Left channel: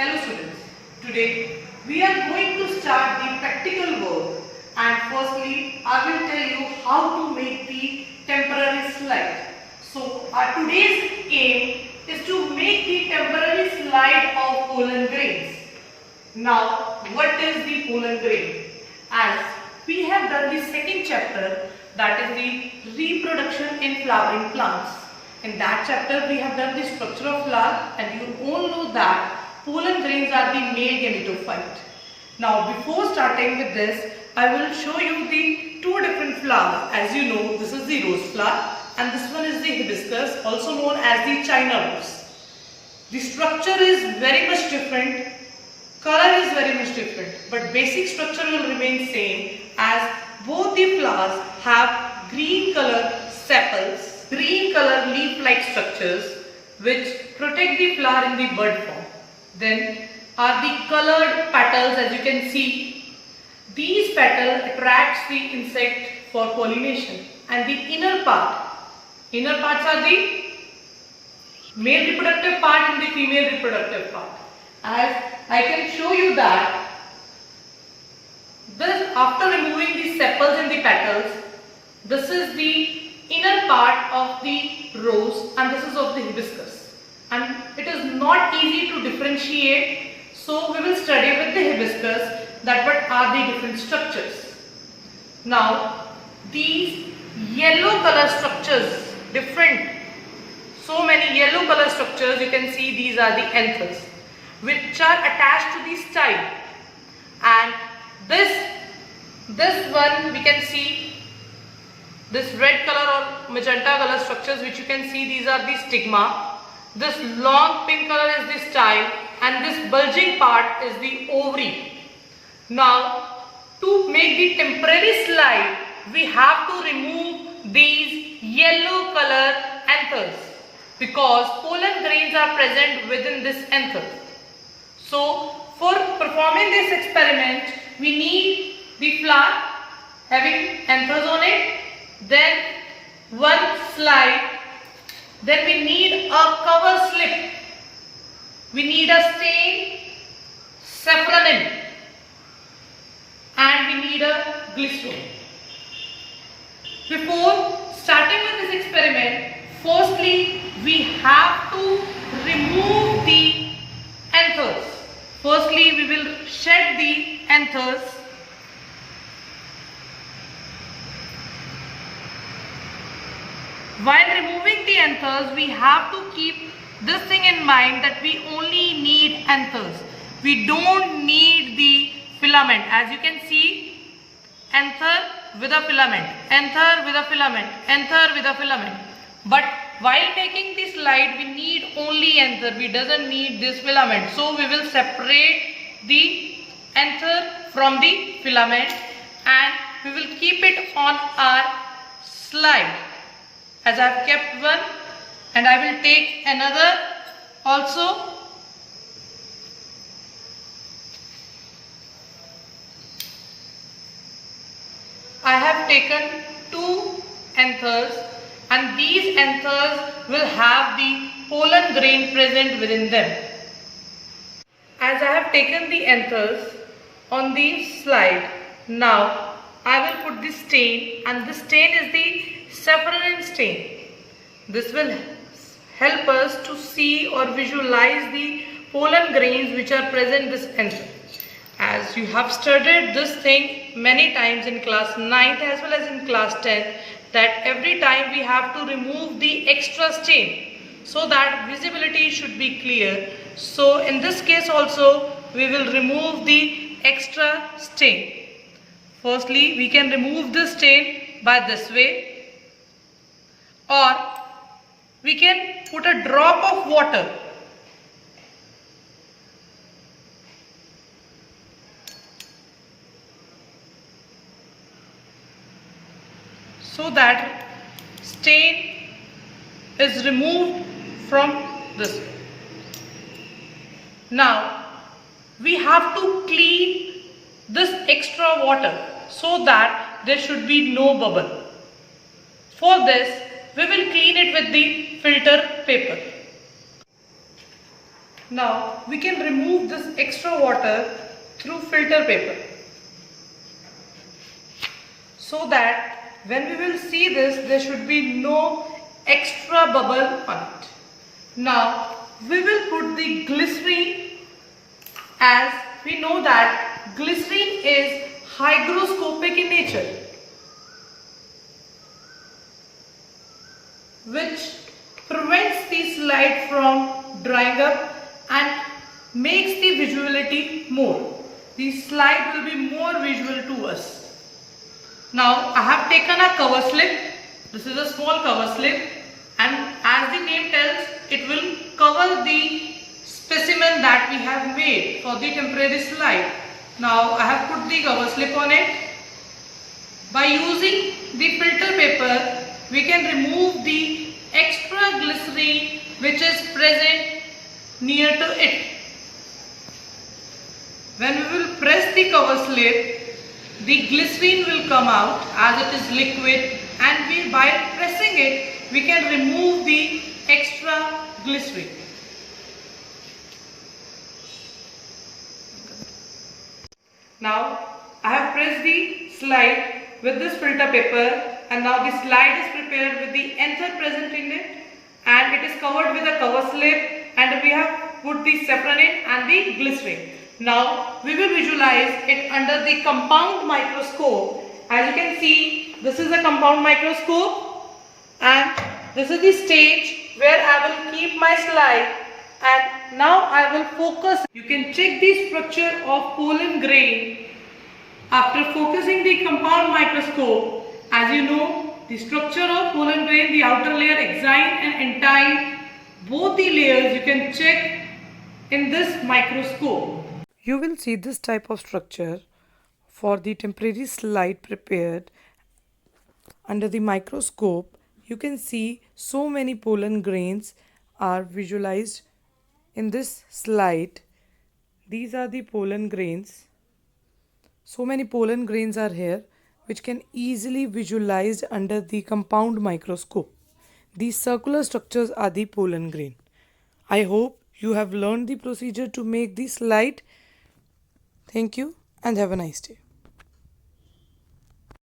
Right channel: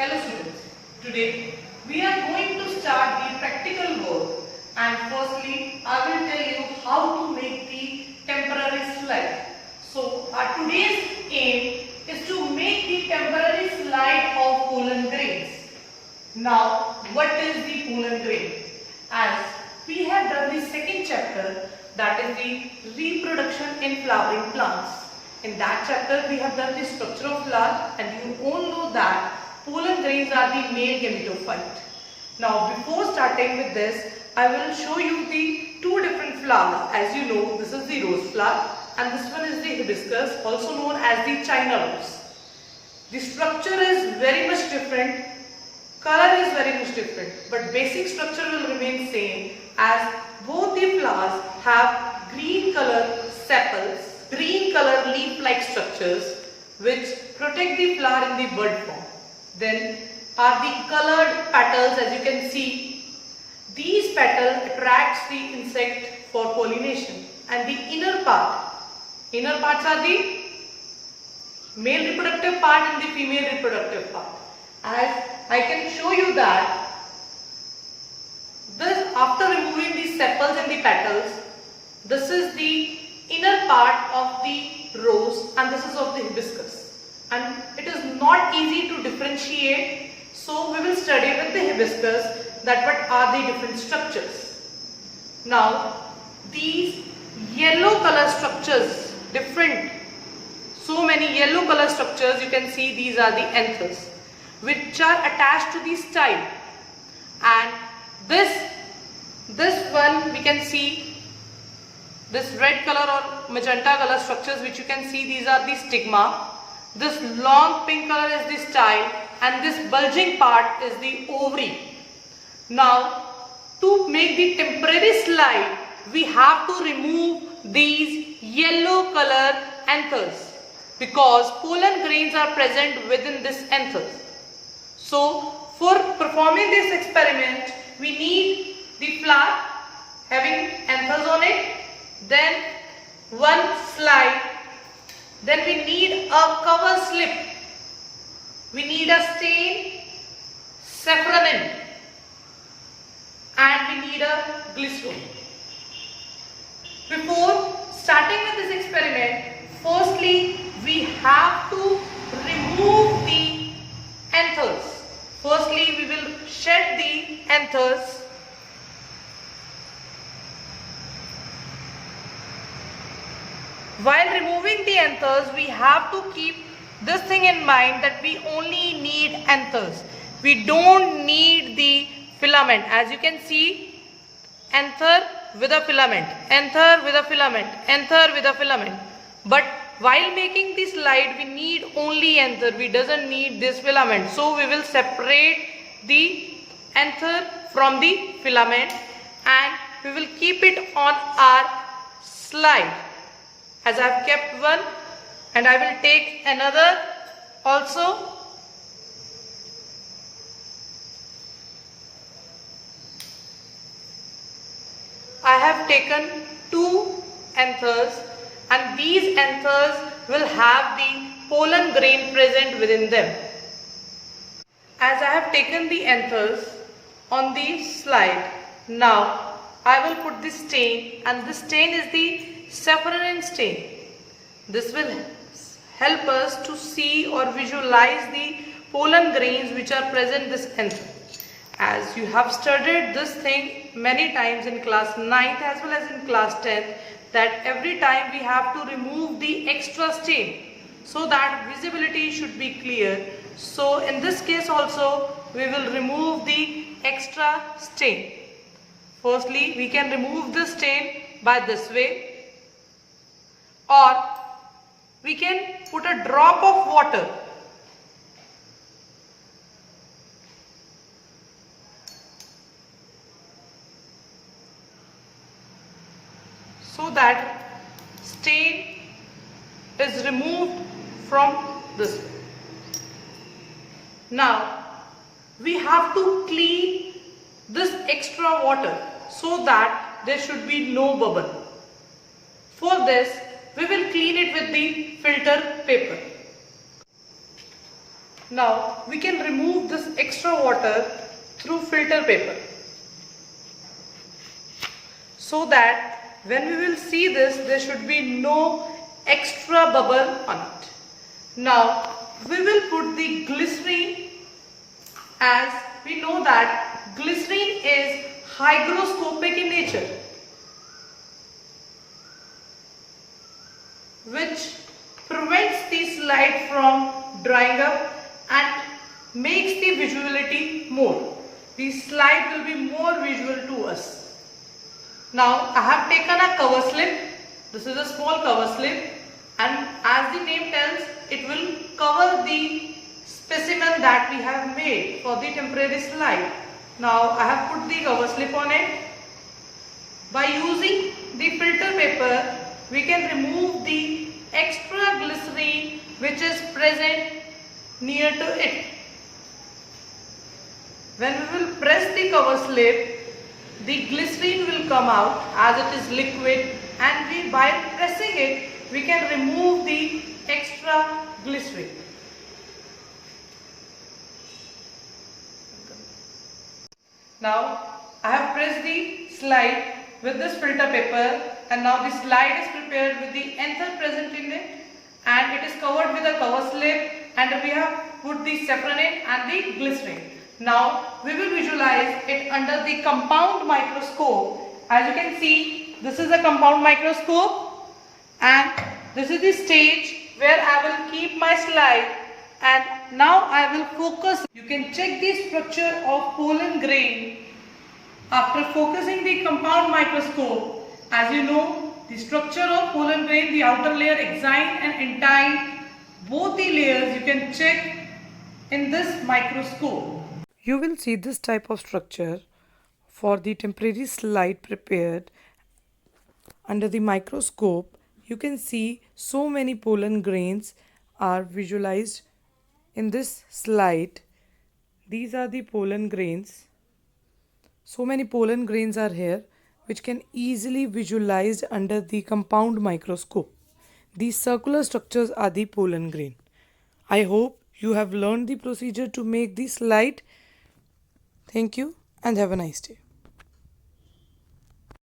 Hello students, today we are going to start the practical work, and firstly I will tell you how to make the temporary slide. So our today's aim is to make the temporary slide of pollen grains. Now what is the pollen grain? As we have done the second chapter, that is the reproduction in flowering plants. In that chapter we have done the structure of flower, and you all know that pollen grains are the male gametophyte. Now before starting with this, I will show you the two different flowers. As you know, this is the rose flower and this one is the hibiscus, also known as the China rose. The structure is very much different, color is very much different, but basic structure will remain same, as both the flowers have green color sepals, green color leaf-like structures which protect the flower in the bud form. Then are the colored petals. As you can see, these petals attracts the insect for pollination, and the inner parts are the male reproductive part and the female reproductive part. As I can show you that this, after removing the sepals and the petals, this is the inner part of the rose and this is of the hibiscus. And it is not easy to differentiate, so we will study with the hibiscus that what are the different structures. Now these yellow color structures, different, so many yellow color structures, you can see these are the anthers which are attached to the style, and this one we can see this red color or magenta color structures which you can see, these are the stigma. This long pink color is the style, and this bulging part is the ovary. Now to make the temporary slide, we have to remove these yellow color anthers because pollen grains are present within this anthers. So for performing this experiment, we need the flower having anthers on it, then one slide. Then we need a cover slip, we need a stain, saffronin, and we need a glycerin. Before starting with this experiment, firstly we have to remove the anthers. Firstly we will shed the anthers. While removing the anthers, we have to keep this thing in mind that we only need anthers. We don't need the filament. As you can see, anther with a filament, anther with a filament, anther with a filament. But while making the slide, we need only anther. We doesn't need this filament. So we will separate the anther from the filament and we will keep it on our slide. As I have kept one, and I will take another also. I have taken two anthers, and these anthers will have the pollen grain present within them. As I have taken the anthers on the slide, now I will put the stain, and the stain is the saffronin stain. This will help us to see or visualize the pollen grains which are present in this anther. As you have studied this thing many times in class 9th as well as in class 10th, that every time we have to remove the extra stain so that visibility should be clear. So in this case also we will remove the extra stain. Firstly we can remove this stain by this way, or we can put a drop of water so that stain is removed from this way. Now we have to clean this extra water so that there should be no bubble. For this we will clean it with the filter paper. Now we can remove this extra water through filter paper, so that when we will see this, there should be no extra bubble on it. Now we will put the glycerine, as we know that glycerine is hygroscopic in nature, which prevents the slide from drying up and makes the visuality more. The slide will be more visual to us. Now I have taken a cover slip. This is a small cover slip, and as the name tells, it will cover the specimen that we have made for the temporary slide. Now I have put the cover slip on it. By using the filter paper, we can remove the extra glycerine which is present near to it. When we will press the cover slip, the glycerine will come out as it is liquid, and by pressing it, we can remove the extra glycerine. Now I have pressed the slide with this filter paper, and now the slide is prepared with the anther present in it, and it is covered with a cover slip, and we have put the saffronin and the glycerine. Now we will visualize it under the compound microscope. As you can see, this is a compound microscope, and this is the stage where I will keep my slide, and now I will focus. You can check the structure of pollen grain after focusing the compound microscope. As you know, the structure of pollen grain, the outer layer, exine and entine, both the layers you can check in this microscope. You will see this type of structure for the temporary slide prepared under the microscope. You can see so many pollen grains are visualized in this slide. These are the pollen grains. So many pollen grains are here, which can easily visualized under the compound microscope. These circular structures are the pollen grain. I hope you have learned the procedure to make the slide. Thank you and have a nice day.